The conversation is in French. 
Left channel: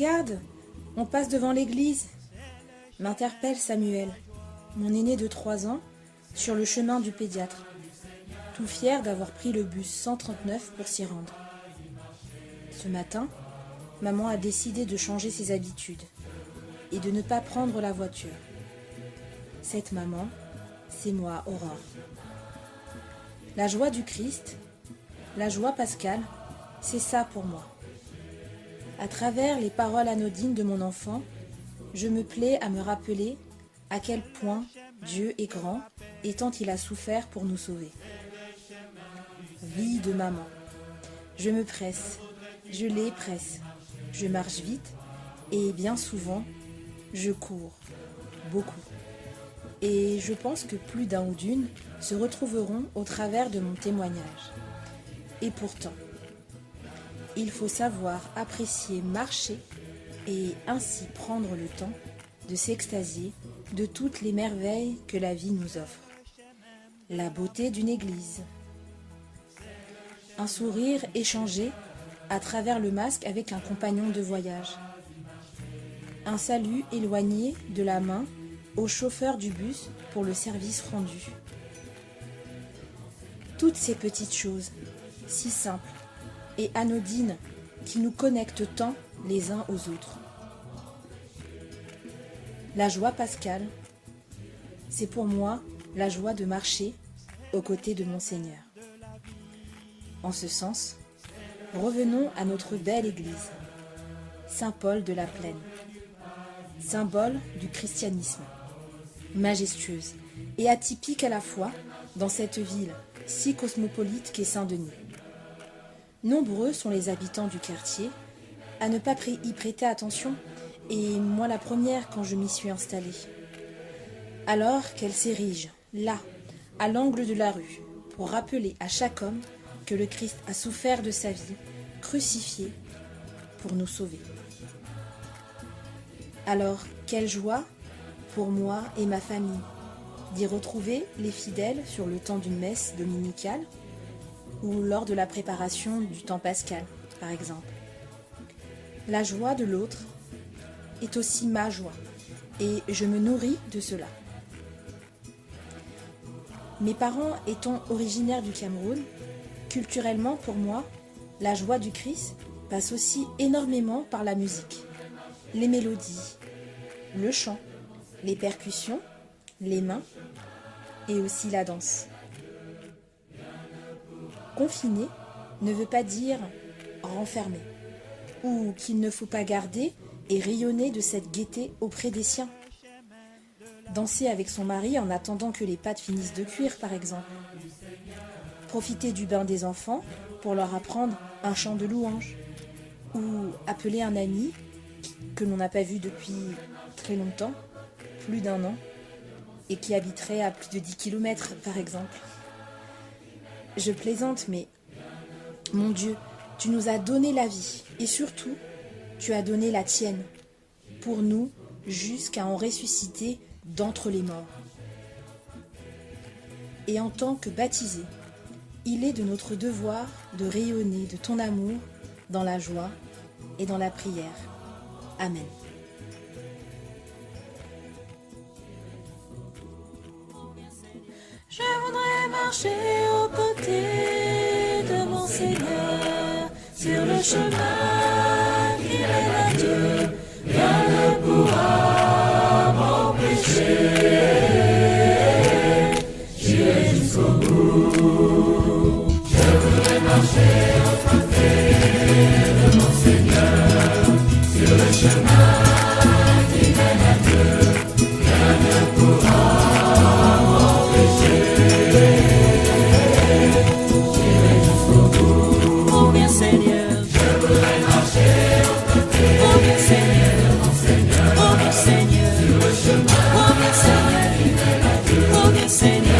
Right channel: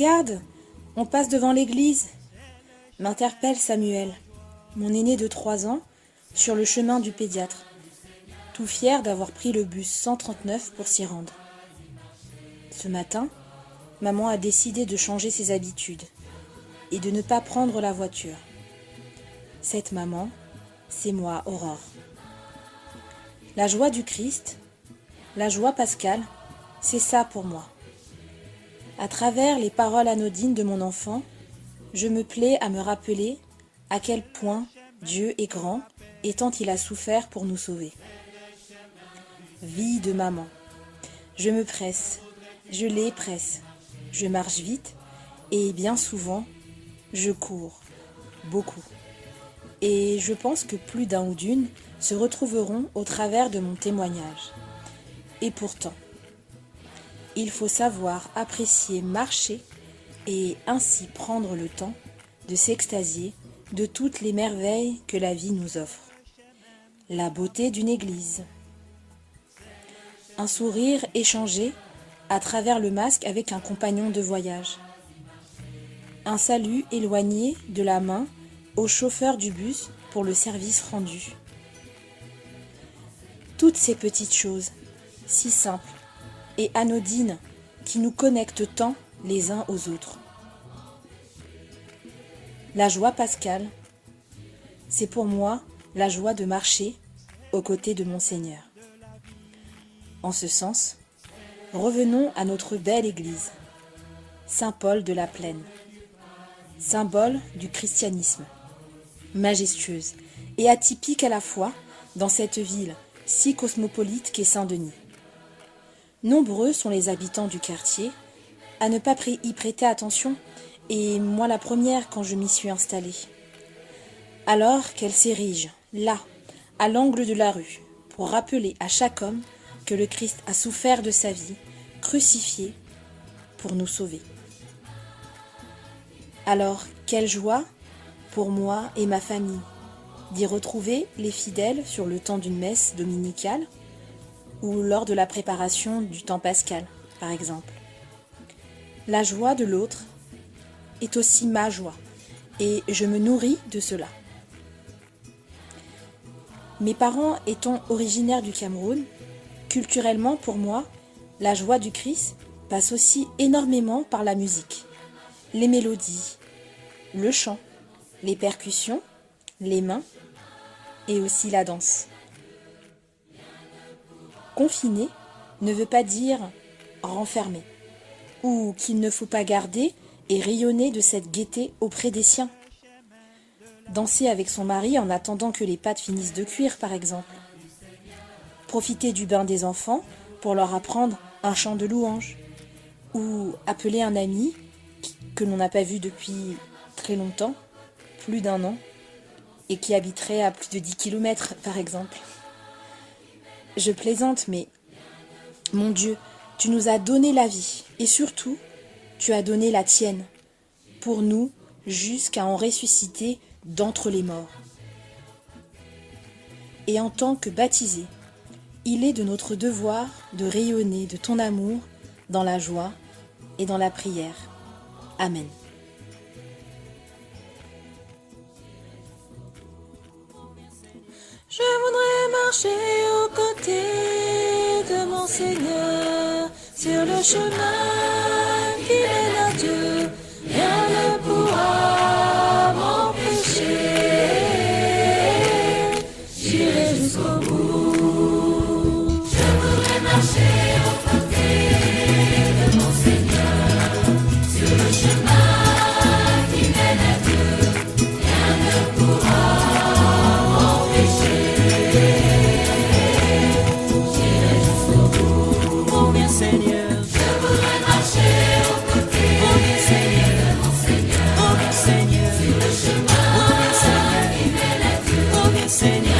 regarde, on passe devant l'église !» m'interpelle Samuel, mon aîné de 3 ans, sur le chemin du pédiatre, tout fier d'avoir pris le bus 139 pour s'y rendre. Ce matin, maman a décidé de changer ses habitudes et de ne pas prendre la voiture. Cette maman, c'est moi, Aurore. La joie du Christ, la joie pascale, c'est ça pour moi. À travers les paroles anodines de mon enfant, je me plais à me rappeler à quel point Dieu est grand et tant il a souffert pour nous sauver. Vie de maman. Je me presse, je les presse, je marche vite et bien souvent, je cours, beaucoup. Et je pense que plus d'un ou d'une se retrouveront au travers de mon témoignage. Et pourtant, il faut savoir apprécier marcher et ainsi prendre le temps de s'extasier de toutes les merveilles que la vie nous offre. La beauté d'une église. Un sourire échangé à travers le masque avec un compagnon de voyage. Un salut éloigné de la main au chauffeur du bus pour le service rendu. Toutes ces petites choses, si simples et anodines, qui nous connectent tant les uns aux autres. La joie pascale, c'est pour moi la joie de marcher aux côtés de mon Seigneur. En ce sens, revenons à notre belle église, Saint-Paul de la Plaine, symbole du christianisme, majestueuse et atypique à la fois dans cette ville si cosmopolite qu'est Saint-Denis. Nombreux sont les habitants du quartier à ne pas y prêter attention, et moi la première quand je m'y suis installée. Alors qu'elle s'érige, là, à l'angle de la rue, pour rappeler à chaque homme que le Christ a souffert de sa vie, crucifié, pour nous sauver. Alors, quelle joie pour moi et ma famille d'y retrouver les fidèles sur le temps d'une messe dominicale ou lors de la préparation du temps pascal, par exemple. La joie de l'autre est aussi ma joie, et je me nourris de cela. Mes parents étant originaires du Cameroun, culturellement pour moi, la joie du Christ passe aussi énormément par la musique, les mélodies, le chant, les percussions, les mains et aussi la danse. Confiné ne veut pas dire renfermé, ou qu'il ne faut pas garder et rayonner de cette gaieté auprès des siens. Danser avec son mari en attendant que les pâtes finissent de cuire, par exemple. Profiter du bain des enfants pour leur apprendre un chant de louange. Ou appeler un ami que l'on n'a pas vu depuis très longtemps, plus d'1 an, et qui habiterait à plus de 10 km, par exemple. Je plaisante, mais mon Dieu, tu nous as donné la vie, et surtout, tu as donné la tienne, pour nous, jusqu'à en ressusciter d'entre les morts. Et en tant que baptisés, il est de notre devoir de rayonner de ton amour dans la joie et dans la prière. Amen. Je voudrais marcher aux côtés de mon Seigneur sur le chemin qui mène à Dieu. Rien ne pourra m'empêcher. J'irai jusqu'au bout. Je voudrais marcher aux côtés de mon Seigneur sur le chemin qui mène à Dieu. Rien ne pourra Seigneur,